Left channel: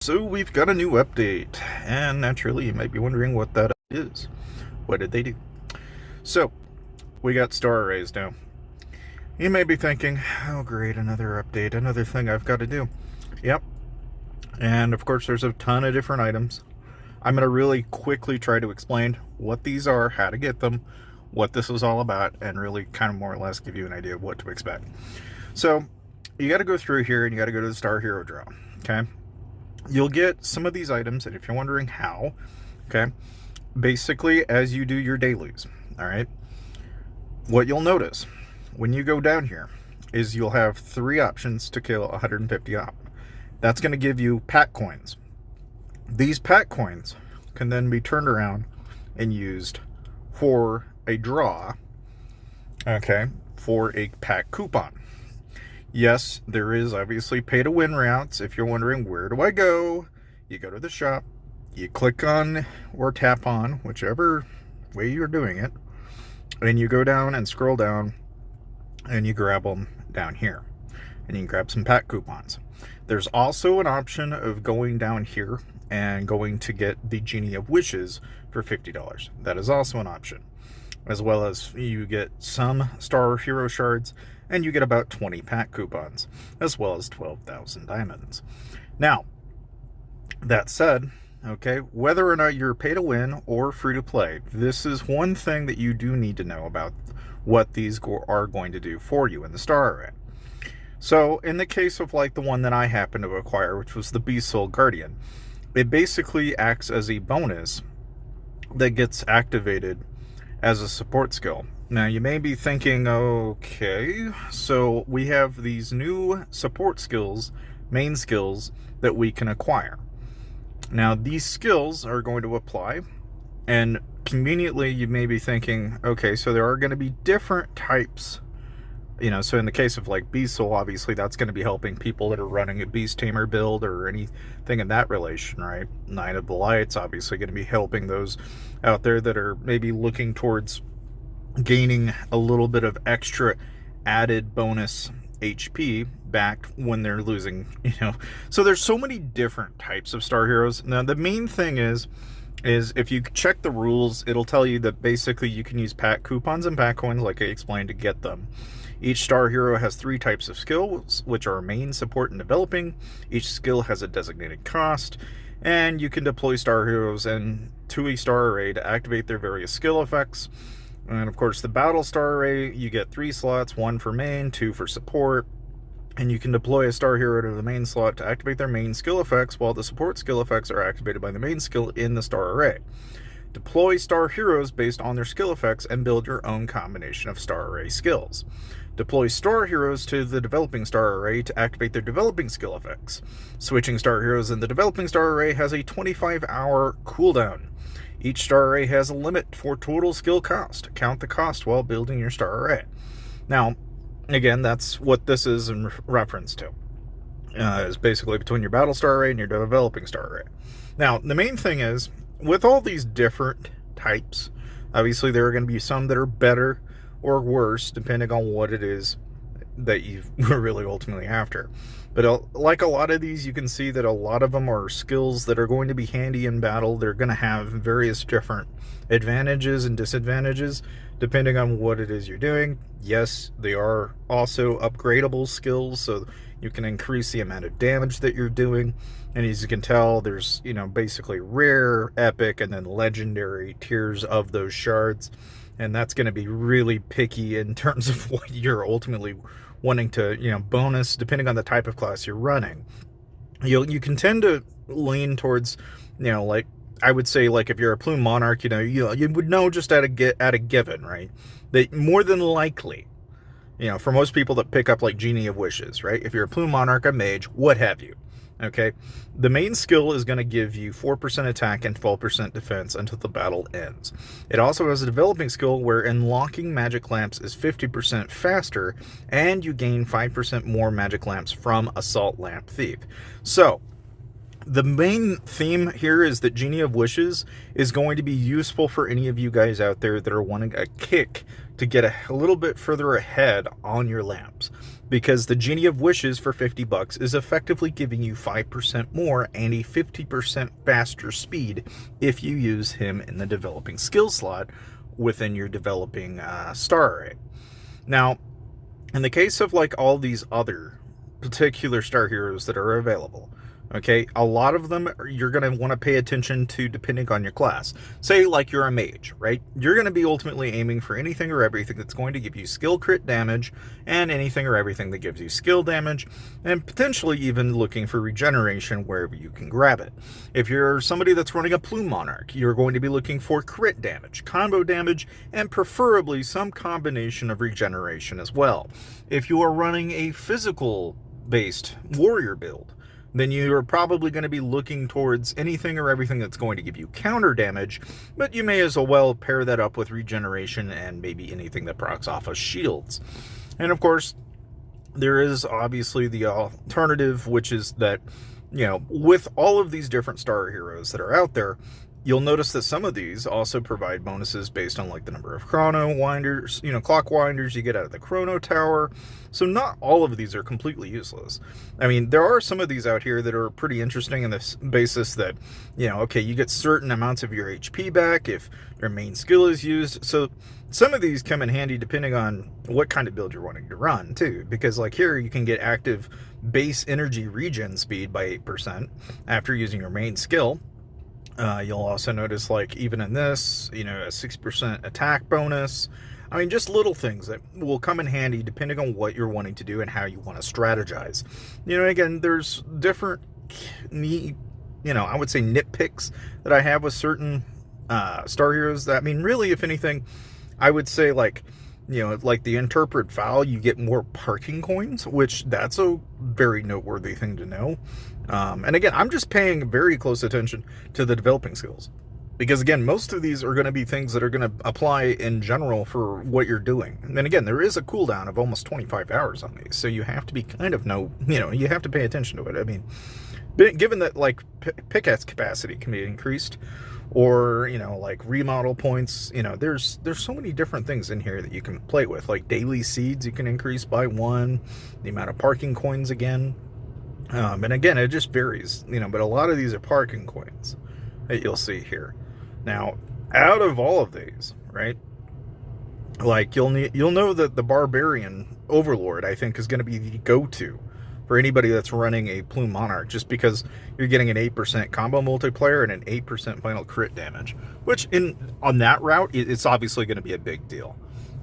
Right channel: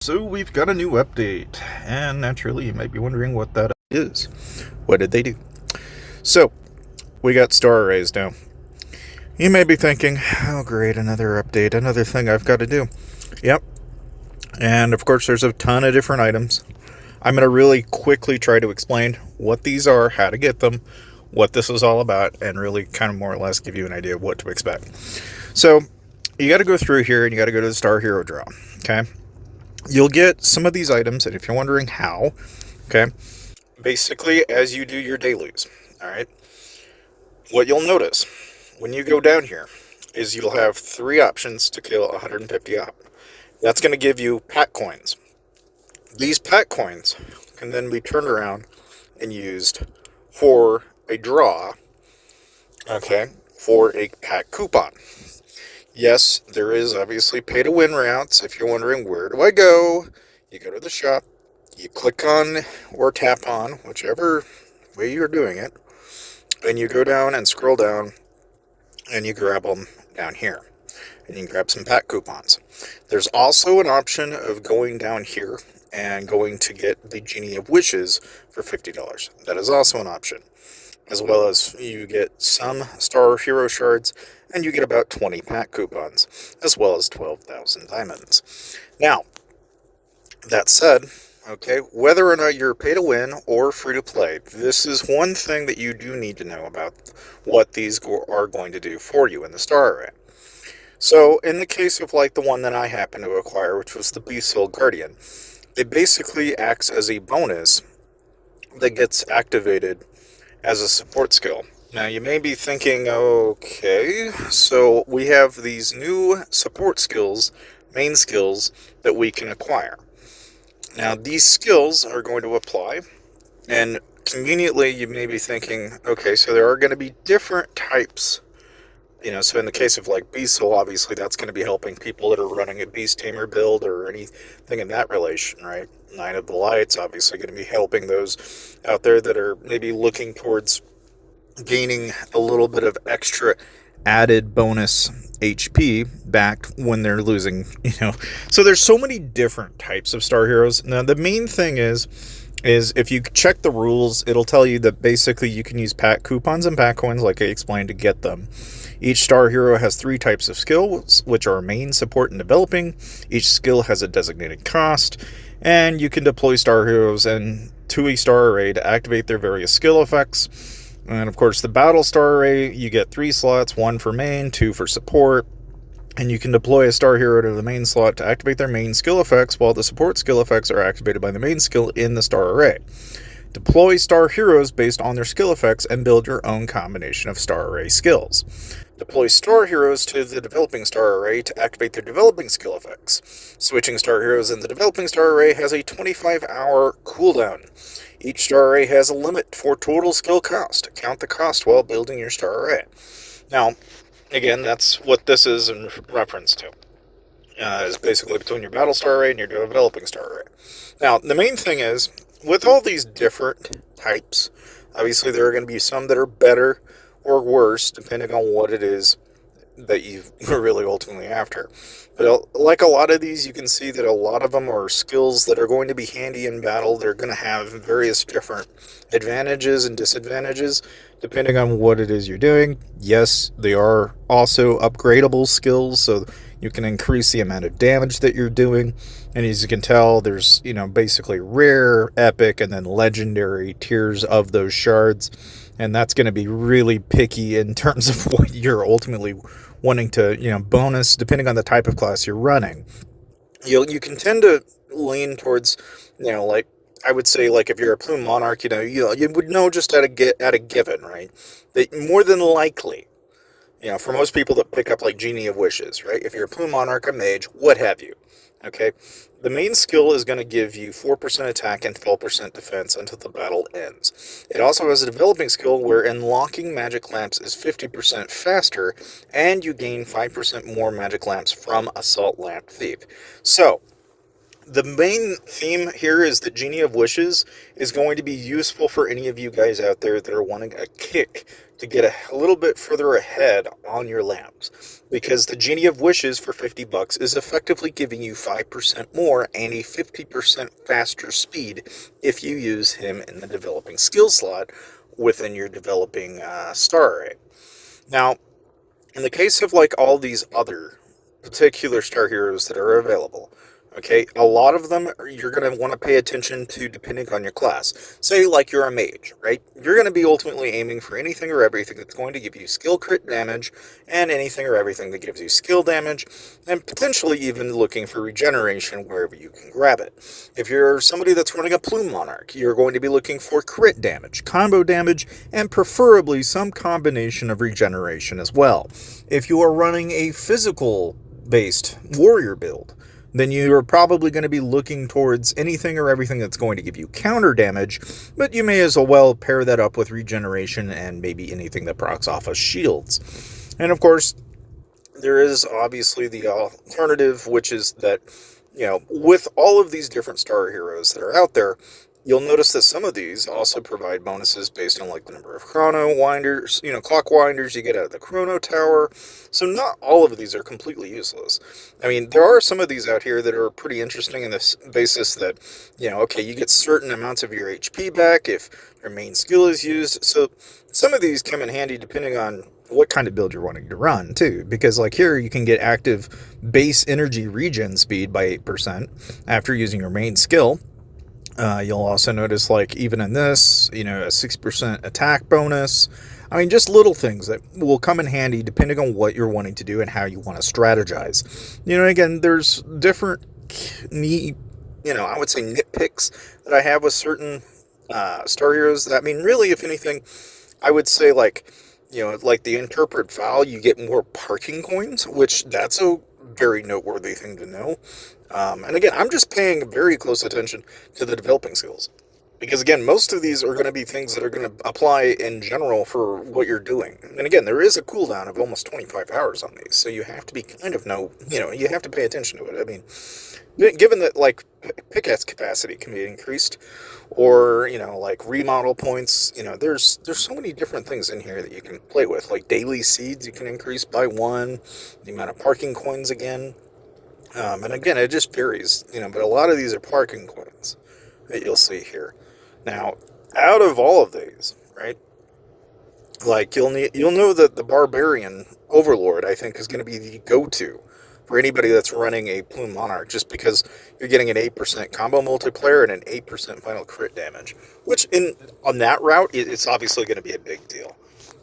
So we've got a new update, and naturally you might be wondering what that is. What did they do? So, we got star arrays now. You may be thinking, oh great, another update, another thing I've got to do. Yep, and of course there's a ton of different items. I'm going to really quickly try to explain what these are, how to get them, what this is all about, and really kind of more or less give you an idea of what to expect. So, you got to go through here and you got to go to the Star Hero Draw, okay? You'll get some of these items, and if you're wondering how, okay, basically as you do your dailies, all right, what you'll notice when you go down here is you'll have three options to kill 150 op. That's going to give you pack coins. These pack coins can then be turned around and used for a draw, okay, for a pack coupon. Yes, there is obviously pay to win routes. If you're wondering where do I go, you go to the shop, you click on or tap on, whichever way you're doing it, and you go down and scroll down and you grab them down here. And you can grab some pack coupons. There's also an option of going down here and going to get the Genie of Wishes for $50. That is also an option. As well as you get some Star Hero shards, and you get about 20 pack coupons, as well as 12,000 diamonds. Now, that said, okay, whether or not you're pay to win or free to play, this is one thing that you do need to know about what these are going to do for you in the Star Array. So, in the case of like the one that I happened to acquire, which was the Beast Soul Guardian, it basically acts as a bonus that gets activated as a support skill. Now, you may be thinking, okay, so we have these new support skills, main skills, that we can acquire. Now, these skills are going to apply, and conveniently, you may be thinking, okay, so there are going to be different types. So in the case of like Beast Soul, obviously that's going to be helping people that are running a Beast Tamer build or anything in that relation, right? Nine of the Lights, obviously going to be helping those out there that are maybe looking towards gaining a little bit of extra added bonus HP back when they're losing, So there's so many different types of Star Heroes. Now, the main thing is if you check the rules, it'll tell you that basically you can use pack coupons and pack coins, like I explained, to get them. Each Star Hero has three types of skills, which are main, support, and developing. Each skill has a designated cost, and you can deploy Star Heroes to a Star Array to activate their various skill effects. And of course, the Battle Star Array, you get 3 slots, 1 for main, 2 for support. And you can deploy a Star Hero to the main slot to activate their main skill effects, while the support skill effects are activated by the main skill in the Star Array. Deploy Star Heroes based on their skill effects and build your own combination of Star Array skills. Deploy Star Heroes to the Developing Star Array to activate their developing skill effects. Switching Star Heroes in the Developing Star Array has a 25-hour cooldown. Each Star Array has a limit for total skill cost. Count the cost while building your Star Array. Now, again, that's what this is in reference to. Is basically between your Battle Star Array and your Developing Star Array. Now, the main thing is, with all these different types, obviously there are going to be some that are better or worse, depending on what it is that you were really ultimately after. But like a lot of these, you can see that a lot of them are skills that are going to be handy in battle. They're going to have various different advantages and disadvantages, depending on what it is you're doing. Yes, they are also upgradable skills, so you can increase the amount of damage that you're doing. And as you can tell, there's, basically rare, epic, and then legendary tiers of those shards. And that's going to be really picky in terms of what you're ultimately wanting to, bonus, depending on the type of class you're running. You can tend to lean towards, like, I would say, like, if you're a Plume Monarch, you would know just at a given, right? That more than likely, for most people that pick up, like, Genie of Wishes, right? If you're a Plume Monarch, a Mage, what have you, okay? The main skill is going to give you 4% attack and 12% defense until the battle ends. It also has a developing skill where unlocking magic lamps is 50% faster, and you gain 5% more magic lamps from Assault Lamp Thief. So, the main theme here is that Genie of Wishes is going to be useful for any of you guys out there that are wanting a kick to get a little bit further ahead on your lamps, because the Genie of Wishes for $50 is effectively giving you 5% more and a 50% faster speed if you use him in the developing skill slot within your developing star array. Now, in the case of like all these other particular star heroes that are available, okay, a lot of them you're going to want to pay attention to depending on your class. Say like you're a mage, right? You're going to be ultimately aiming for anything or everything that's going to give you skill crit damage, and anything or everything that gives you skill damage, and potentially even looking for regeneration wherever you can grab it. If you're somebody that's running a Plume Monarch, you're going to be looking for crit damage, combo damage, and preferably some combination of regeneration as well. If you are running a physical based warrior build, then you're probably going to be looking towards anything or everything that's going to give you counter damage, but you may as well pair that up with regeneration and maybe anything that procs off of shields. And of course, there is obviously the alternative, which is that, with all of these different star heroes that are out there, you'll notice that some of these also provide bonuses based on like the number of chrono winders, clock winders you get out of the chrono tower. So not all of these are completely useless. I mean, there are some of these out here that are pretty interesting in this basis that, okay, you get certain amounts of your HP back if your main skill is used. So some of these come in handy depending on what kind of build you're wanting to run too, because like here you can get active base energy regen speed by 8% after using your main skill. You'll also notice, like, even in this, a 6% attack bonus. I mean, just little things that will come in handy depending on what you're wanting to do and how you want to strategize. Again, there's different, I would say nitpicks that I have with certain star heroes. I mean, really, if anything, I would say, like the Interpret Vow, you get more parking coins, which that's a very noteworthy thing to know. And again, I'm just paying very close attention to the developing skills, because again, most of these are going to be things that are going to apply in general for what you're doing. And again, there is a cooldown of almost 25 hours on these, so you have to be you have to pay attention to it. I mean, given that like pickaxe capacity can be increased, or like remodel points, there's so many different things in here that you can play with. Like daily seeds you can increase by 1, the amount of parking coins again, and again it just varies, but a lot of these are parking coins that you'll see here. Now, out of all of these, right, like you'll know that the Barbarian Overlord, I think, is going to be the go-to for anybody that's running a Plume Monarch, just because you're getting an 8% combo multiplier and an 8% final crit damage, which on that route, it's obviously going to be a big deal,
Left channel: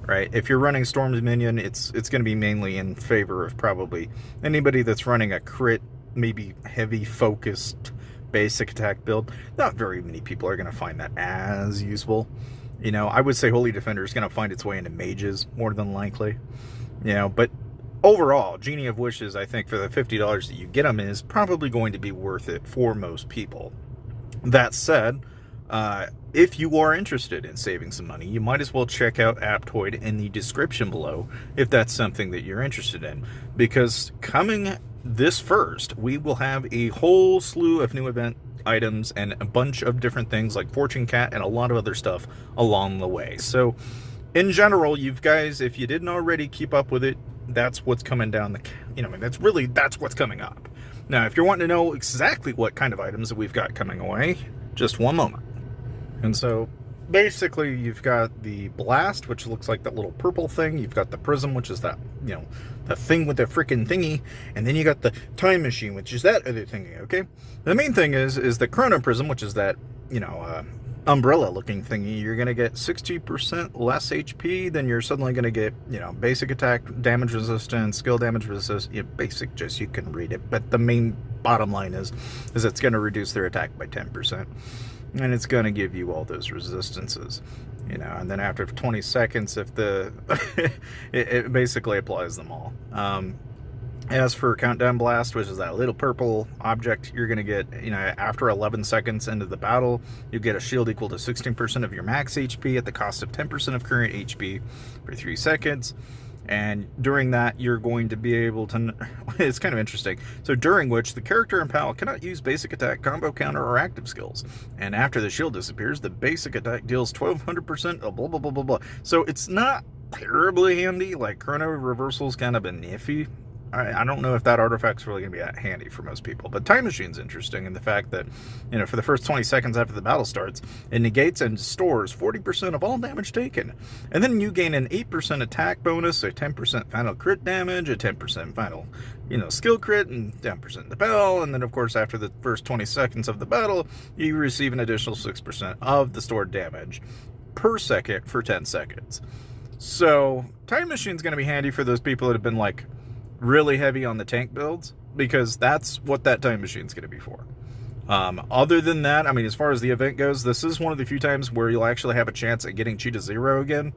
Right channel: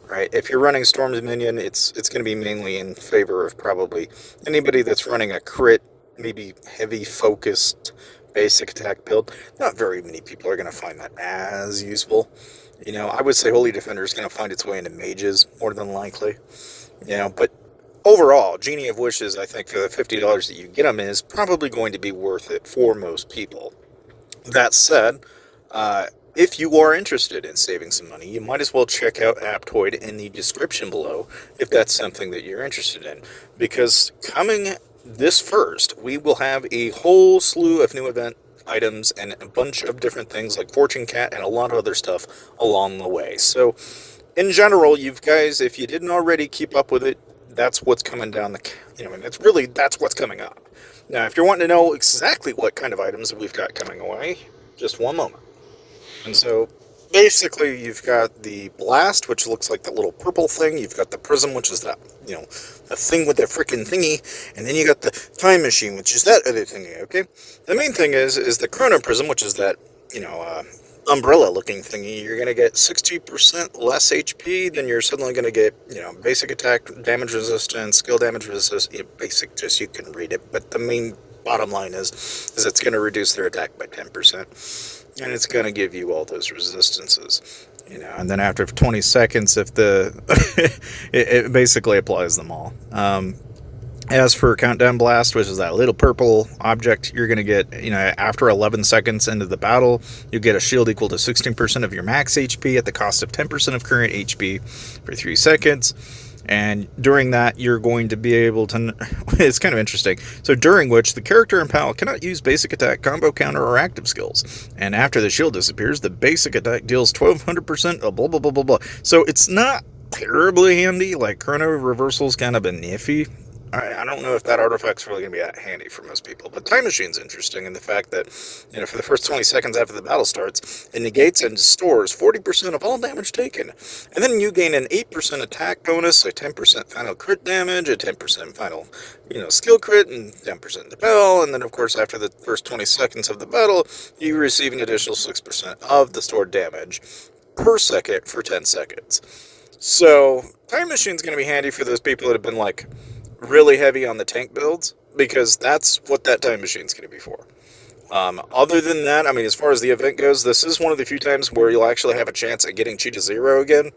right? If you're running Storm's Minion, it's going to be mainly in favor of probably anybody that's running a crit, maybe heavy focused basic attack build. Not very many people are going to find that as useful. I would say Holy Defender is going to find its way into mages more than likely, but overall, Genie of Wishes, I think, for the $50 that you get them is probably going to be worth it for most people. That said, if you are interested in saving some money, you might as well check out Aptoid in the description below if that's something that you're interested in. Because coming this first, we will have a whole slew of new event items and a bunch of different things like Fortune Cat and a lot of other stuff along the way. So, in general, you guys, if you didn't already keep up with it, that's what's coming down that's what's coming up. Now, if you're wanting to know exactly what kind of items we've got coming away, just one moment. And so, basically, you've got the Blast, which looks like that little purple thing. You've got the Prism, which is that, the thing with the freaking thingy. And then you got the Time Machine, which is that other thingy, okay? The main thing is the Chrono Prism, which is that, umbrella-looking thingy. You're going to get 60% less HP, then you're suddenly going to get, basic attack damage resistance, skill damage resistance, basic, just you can read it. But the main bottom line is it's going to reduce their attack by 10%. And it's going to give you all those resistances, and then after 20 seconds, if it basically applies them all. As for Countdown Blast, which is that little purple object, you're going to get, after 11 seconds into the battle, you get a shield equal to 16% of your max HP at the cost of 10% of current HP for 3 seconds. And during that, you're going to be able to... It's kind of interesting. So during which, the character and pal cannot use basic attack, combo counter, or active skills. And after the shield disappears, the basic attack deals 1200% of blah, blah, blah, blah, blah. So it's not terribly handy. Like, Chrono Reversal's kind of been iffy. I don't know if that artifact's really going to be that handy for most people. But Time Machine's interesting in the fact that, for the first 20 seconds after the battle starts, it negates and stores 40% of all damage taken. And then you gain an 8% attack bonus, a 10% final crit damage, a 10% final, skill crit, and 10% the bell. And then, of course, after the first 20 seconds of the battle, you receive an additional 6% of the stored damage per second for 10 seconds. So, Time Machine's going to be handy for those people that have been, really heavy on the tank builds, because that's what that Time Machine's going to be for. Other than that, as far as the event goes, this is one of the few times where you'll actually have a chance at getting Cheetah Zero again.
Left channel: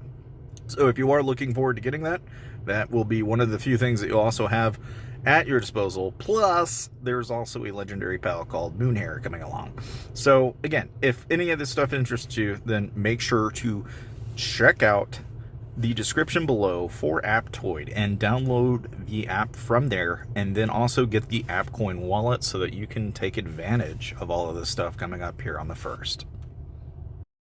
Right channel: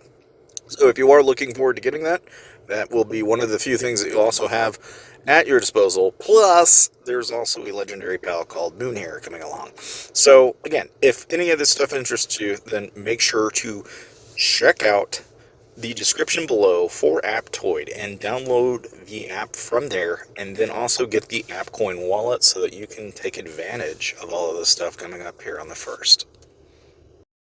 So if you are looking forward to getting that, that will be one of the few things that you'll also have at your disposal. Plus, there's also a legendary pal called Moonhair coming along. So again, if any of this stuff interests you, then make sure to check out the description below for Aptoid and download the app from there, and then also get the AppCoin wallet so that you can take advantage of all of this stuff coming up here on the 1st.